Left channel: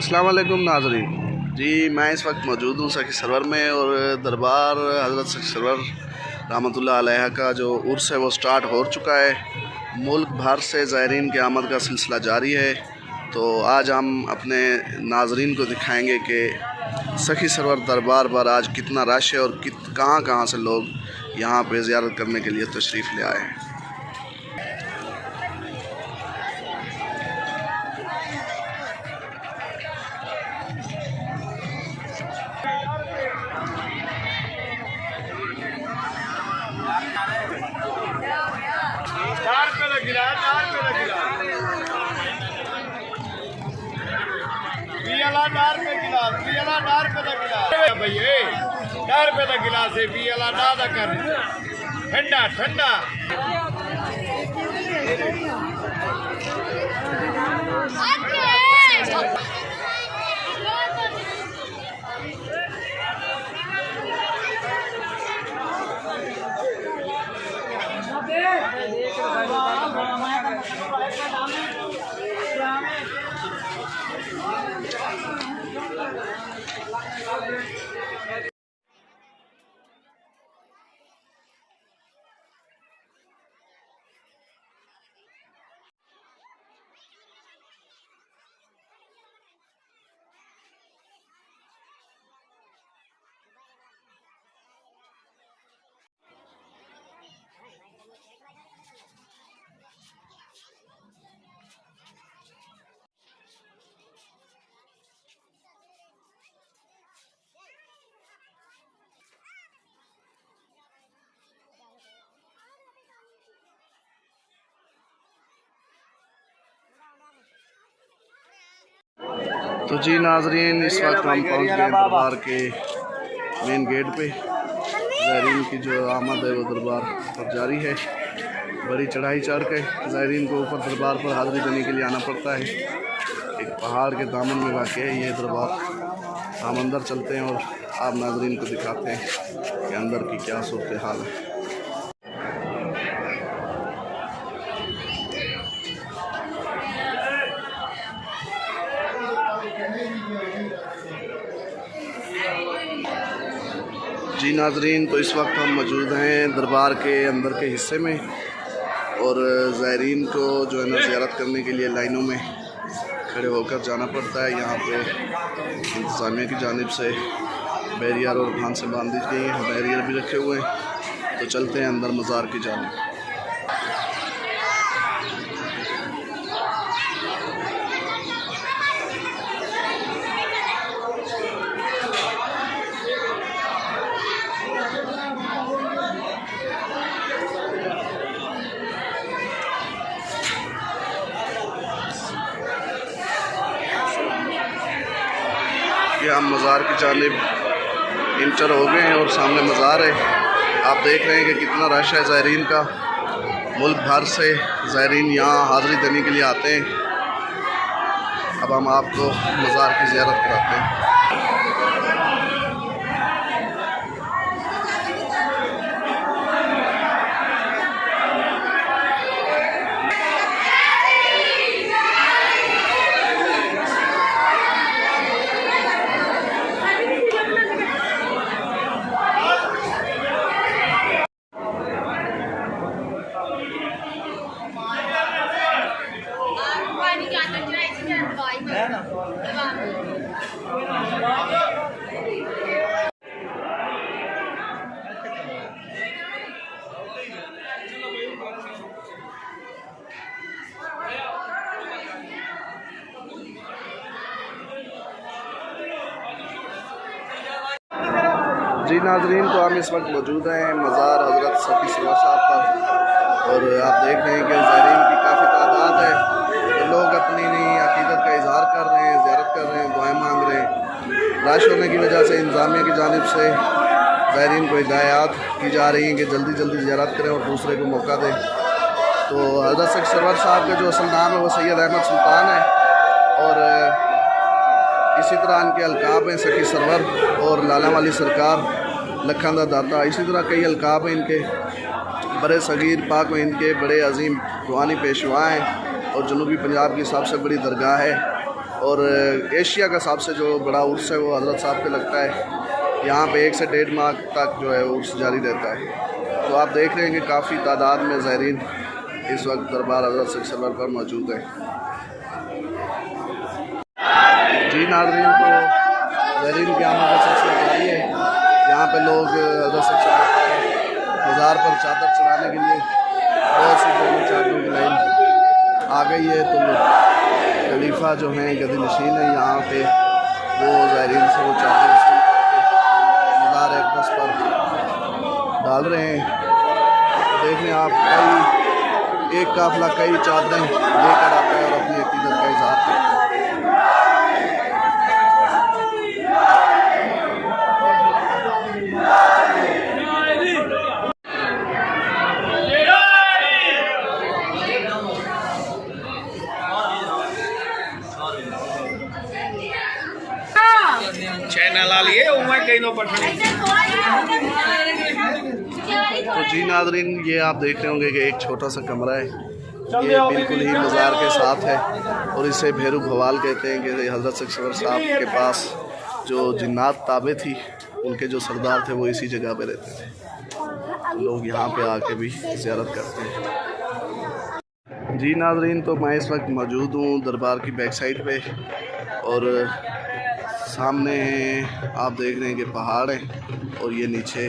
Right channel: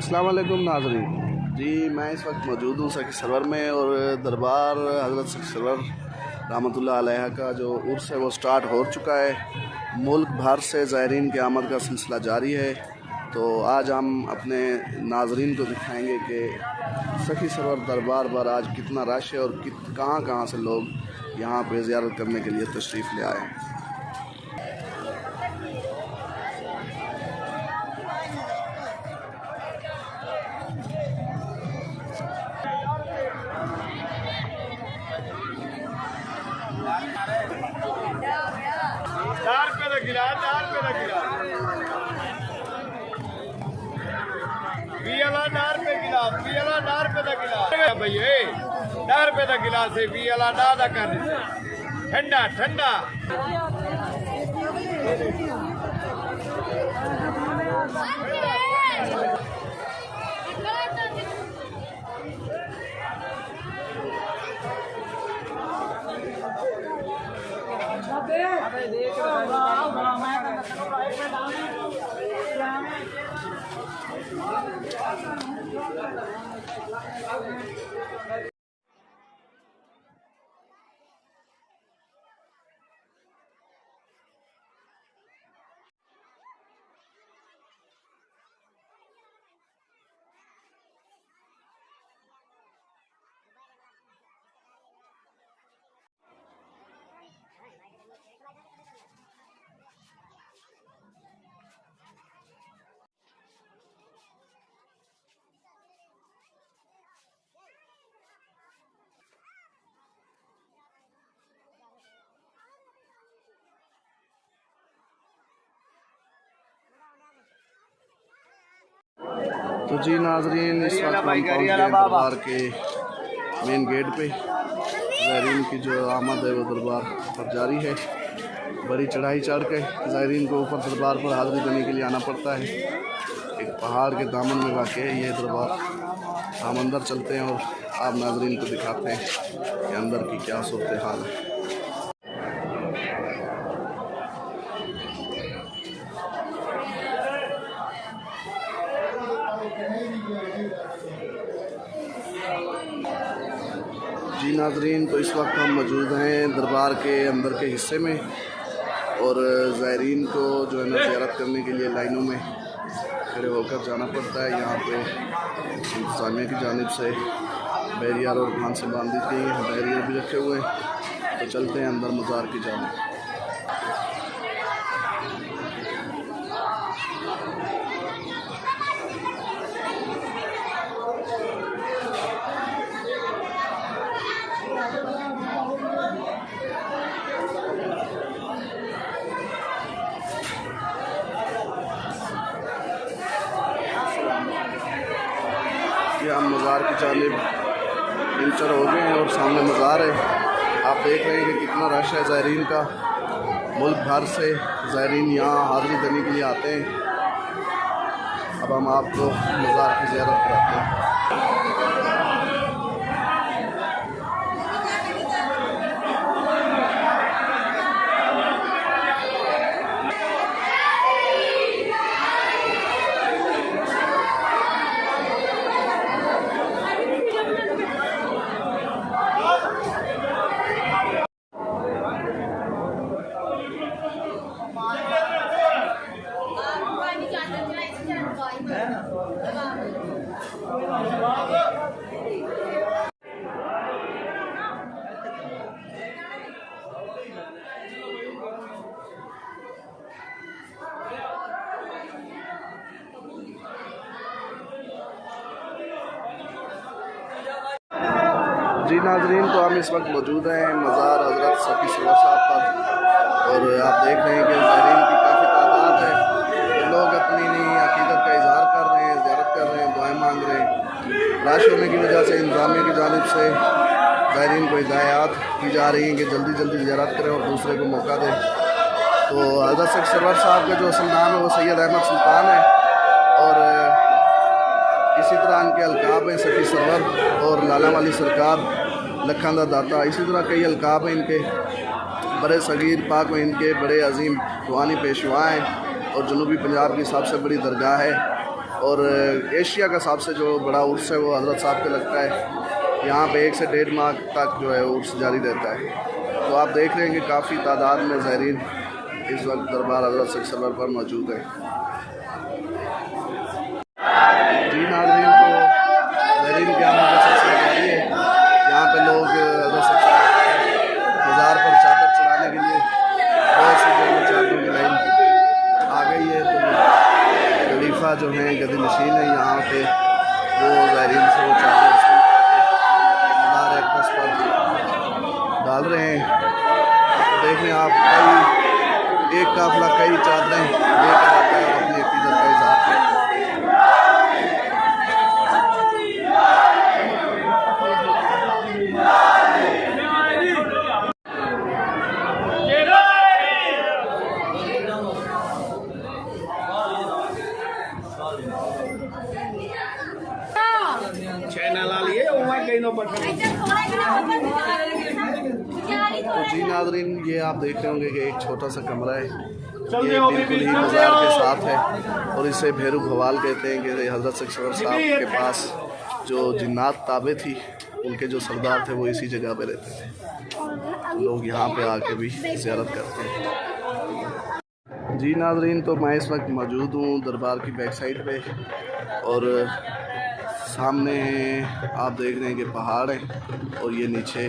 अस्सलाम वालेकुम नाज़रीन जी, मैं इस वक्त मौजूद हूँ सखी सरवर में और दरबार हज़रत सखी सरवर रहमतुल्लाह अलैहा का जो उर्स है वो स्टार्ट हो चुका है। मुल्क भर से ज़ायरीन की आमद का सिलसिला जारी है। तो आज हम अपने नाज़रीन को दिखाएंगे कि सखी सरवर दरबार पर आज कितना रश है और कहाँ कहाँ से लोग यहाँ पे ज़ियारत करने के लिए तशरीफ़ ले आए हैं। ठंडा ठंडा तो जी नाज़रीन, इस वक्त हम पहुँच गए दरबार के मेन गेट पे। ज़ायरीन की जो आमद है वो दरबार पर जारी है। बड़ी चढ़ाई चढ़ के ज़ायरीन को ऊपर दरबार पर हाज़िरी देने के लिए आना पड़ता है। एक पहाड़ के दामन में वाक़ है ये दरबार। हम अंदर चलते हैं और आप नाज़रीन को दिखाते हैं कि अंदर की क्या सूरत हाल है। जी नाज़रीन, तो इस वक्त हम मौजूद हैं दरबार के अंदर के हिस्से में और ज़ायरीन को जो है ना ज़ियारत करने के लिए लाइनों में खड़े होकर जाना पड़ता है। यहाँ पे इंतज़ामिया की जानिब से बैरियर और फांसें बांध दी गई हैं, बैरियर भी रखे हुए हैं। तो चलते हैं अंदर मज़ार की जानिब। कि हम मज़ार की जानिब इंटर हो गए हैं और सामने मज़ार है। आप देख रहे हैं कि कितना रश है ज़ायरीन का। मुल्क भर से ज़ायरीन यहाँ हाज़िरी देने के लिए आते हैं। अब हम आपको मज़ार की ज़ियारत कराते हैं। जी नाज़रीन, तो हम इस वक्त मौजूद हैं मज़ार हज़रत सखी सरवर साहब पर और आप देख रहे हैं कि ज़ायरीन की काफ़ी तादाद है। तो लोग अपनी नई अक़ीदत का इज़हार कर रहे हैं, ज़ियारत कर रहे हैं, दुआएं मांग रहे हैं। रश होने की वजह से इंतज़ामिया की जानिब से ज़ायरीन को हिदायत की जा रही हैं कि जल्दी जल्दी ज़ियारत करें और दूसरे को मौका दें। तो हज़रत सखी सरवर साहब का जो असल नाम है वो सैयद अहमद सुल्तान है और इसी तरह इनके अलकाब हैं सखी सरवर और लाला वाली सरकार, लखन दा दाता। इसी तरह कई अलकाब हैं इनके। बड़े सगीर पाक में इनके बड़े अजीम रूहानी पेशवा हैं और जनूबी पंजाब की सबसे बड़ी दरगाह है और एशिया का सबसे जो बड़ा उर्स है वो हज़रत साहब के लगता है। यहाँ पे 1 से 1.5 माह तक जो है उर्स जारी रहता है। तो आप देख रहे हैं कि काफ़ी तादाद में ज़ायरीन इस वक्त दरबार हज़रत सल्लल्लाहु पर मौजूद है। जी नाज़रीन, तो ज़ायरीन की आमद का सिलसिला जारी है। यहाँ पे लोग हज़रत सल्लल्लाहु मज़ार पर चादर चढ़ाने के लिए बहुत सी जो है चादरों की लाइन आ गई है। तो खलीफा जो हैं गद्दी नशीन है यहाँ पे, वो ज़ायरीन से वो चादर वसूल करके मज़ार अक़दस पर डाल रहे हैं। तो देख लें आप, कई एक काफ़िला कई चादरें लेकर आता है और अपनी अक़ीदत का इज़हार करता है। तो जी नाज़रीन, ये आप देख रहे होंगे कि एक छोटा सा कमरा है, ये बिल्कुल ही मज़ार के साथ है और इसे भैरू भवाल कहते हैं कि हज़रत सल्लल्लाहु साहब के पास जो जिन्नात ताबे थी, उनके जो सरदार थे वो इसी जगह पे रहते थे। तो लोग यहाँ पे आके भी ज़ियारत करते हैं। जी नाज़रीन, तो मैं इस वक्त मौजूद हूँ दरबार की बैक साइड पे और सामने आप देख रहे हैं कि पहाड़ है और ये नीचे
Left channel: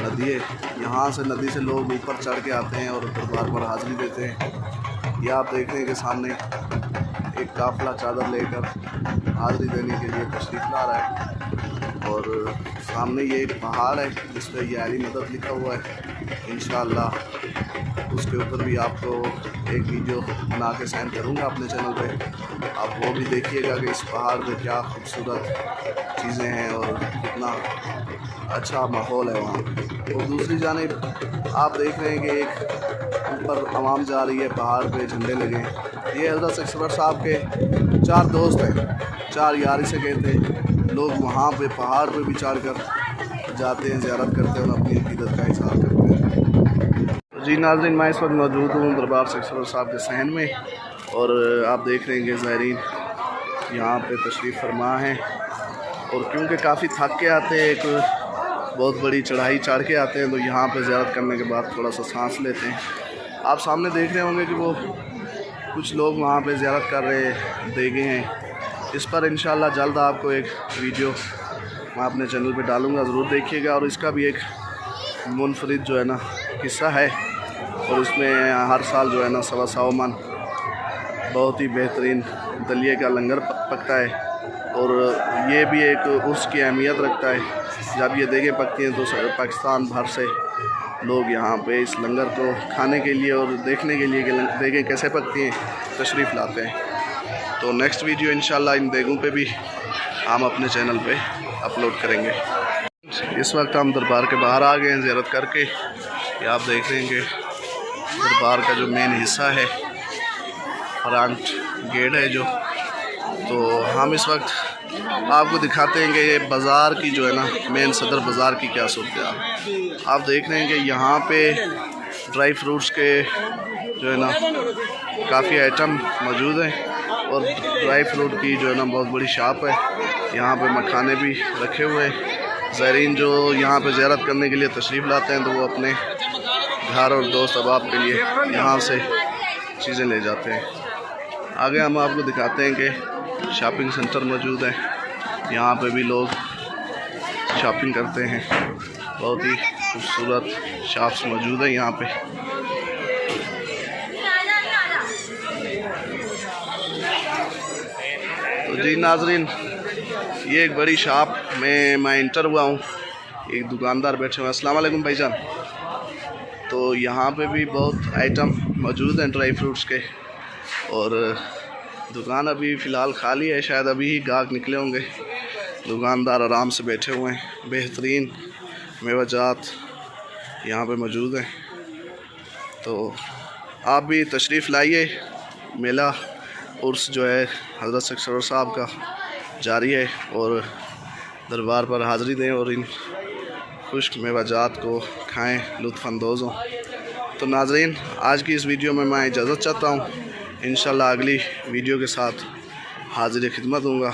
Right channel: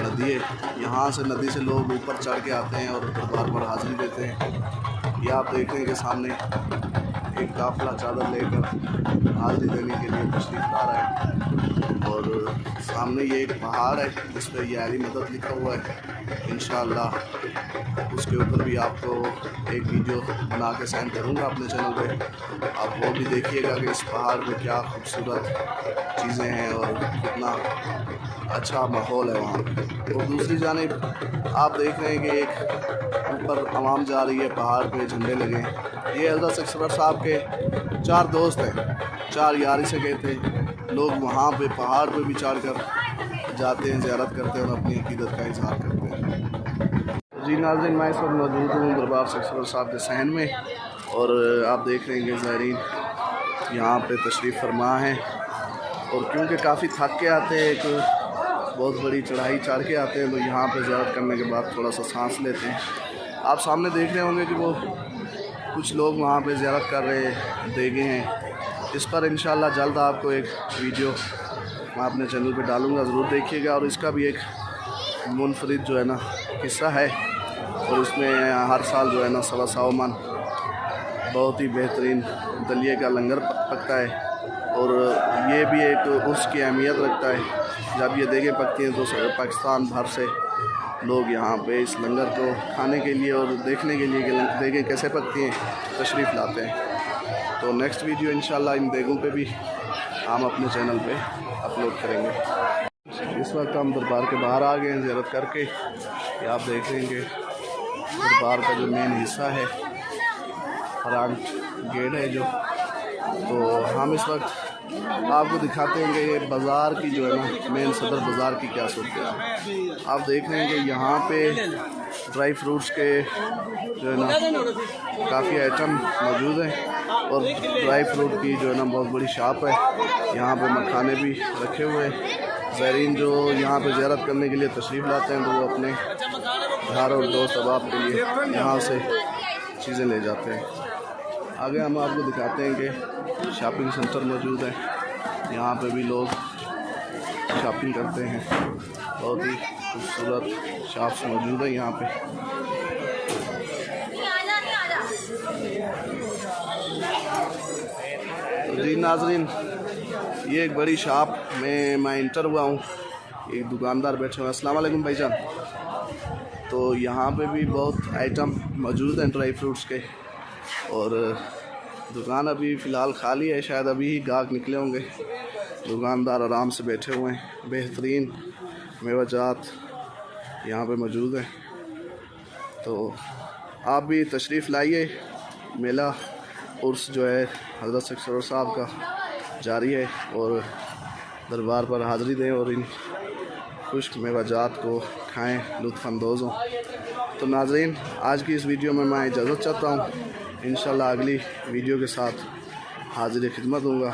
नदी है। यहाँ से नदी से लोग ऊपर चढ़ के आते हैं और दरबार पर हाज़िरी देते हैं। ये आप देख रहे हैं कि सामने एक काफ़िला चादर लेकर हाज़िरी देने के लिए तशरीफ़ ला रहा है और सामने ये एक पहाड़ है जिस पर ये अली मदद लिखा हुआ है। इंशाअल्लाह उसके ऊपर भी आपको एक वीडियो बना के सेंड करूँगा अपने चैनल पे, आप वो भी देखिएगा कि इस पहाड़ पे क्या खूबसूरत चीज़ें हैं और कितना अच्छा माहौल है वहाँ। और दूसरी जानिब आप देख रहे हैं कि एक ऊपर आवाम जा रही है, पहाड़ पे झंडे लगे। ये हज़रत सल्लल्लाहु साहब के 4 दोस्त हैं, 4 यार से कहते हैं। लोग वहाँ पे पहाड़ पे भी चढ़ कर जाते हैं, ज़ियारत करते हैं और अपनी अक़ीदत का इज़हार करते हैं। तो जी नाज़रीन, मैं इस वक्त मौजूद हूँ दरबार सल्लल्लाहु साहब के सहन में और आप देख रहे हैं कि ज़ायरीन यहाँ पे तशरीफ़ फरमा है और क्योंकि काफ़ी थक के आते हैं, एक बहुत बड़ी चढ़ाई चढ़ के आते हैं, तो यहाँ पे ज़ियारत करने के बाद थोड़ा सा सांस लेते हैं। आप सामने देख रहे होंगे कि वो कुछ लोग वहाँ पे ज़ियारत कर रहे देगे हैं। इस पर इंशाल्लाह जल्द आपको एक वीडियो मैं अपने चैनल पे डालूँगा, ज़रूर देखिएगा। और इसका भी एक मुनफरिद जो है ना किस्सा है और इसमें हर साल जो है ना 125 मन बहुत ही बेहतरीन दलिए का लंगर पकता है और ये भी एक उसकी अहमियत रखता है। जब ये देगें पकती हैं तो पाकिस्तान भर से लोग यहाँ पे इस लंगर को खाने के लिए और देखने के लिए कि देगें कैसे पकती हैं तशरीफ़ लाते हैं। तो नेक्स्ट वीडियो इंशाल्लाह इन देगों पे भी हम अपने चैनल पे अपलोड करेंगे। इस वक्त हम दरबार के बाहर आ गए हैं ज़ियारत करके। ये आप देख रहे हैं कि दरबार का जो मेन हिस्सा है, फ्रंट गेट है जो, तो हम इस वक्त आपको दिखाते हैं कि ये बाज़ार की जो है ना मेन सदर बाज़ार की क्या सूरत है। आप देख रहे हैं कि यहाँ पे ड्राई फ्रूट्स के जो है ना काफ़ी आइटम मौजूद हैं और ड्राई फ्रूट की जो है ना बहुत बड़ी शॉप है। यहाँ पे मखाने भी रखे हुए हैं। ज़ायरीन जो यहाँ पे ज़ियारत करने के लिए तशरीफ़ लाते हैं तो वो अपने घर और दोस्त अहबाब के लिए यहाँ से चीज़ें ले जाते हैं। आगे हम आपको दिखाते हैं कि शॉपिंग सेंटर मौजूद है, यहाँ पे भी लोग शॉपिंग करते हैं। बहुत ही खूबसूरत शॉप्स मौजूद है यहाँ पे। तो जी नाज़रीन, ये एक बड़ी शॉप में मैं इंटर हुआ हूँ। एक दुकानदार बैठे हुए हैं। अस्सलाम वालेकुम भाईजान। तो यहाँ पे भी बहुत आइटम मौजूद हैं ड्राई फ्रूट्स के और दुकान अभी फ़िलहाल खाली है, शायद अभी ही गाहक निकले होंगे। दुकानदार आराम से बैठे हुए हैं। बेहतरीन मेवाजात यहाँ पे मौजूद हैं। तो आप भी तशरीफ़ लाइए। मेला उर्स जो है हज़रत सल्लल्लाहु साहब का जारी है और दरबार पर हाज़िरी दें और इन खुश्क मेवाजात को खाएँ, लुत्फ़अंदोज़ हों। तो नाज़रीन, आज की इस वीडियो में मैं इजाज़त चाहता हूँ। इंशाल्लाह अगली वीडियो के साथ हाजिर खिदमत दूँगा।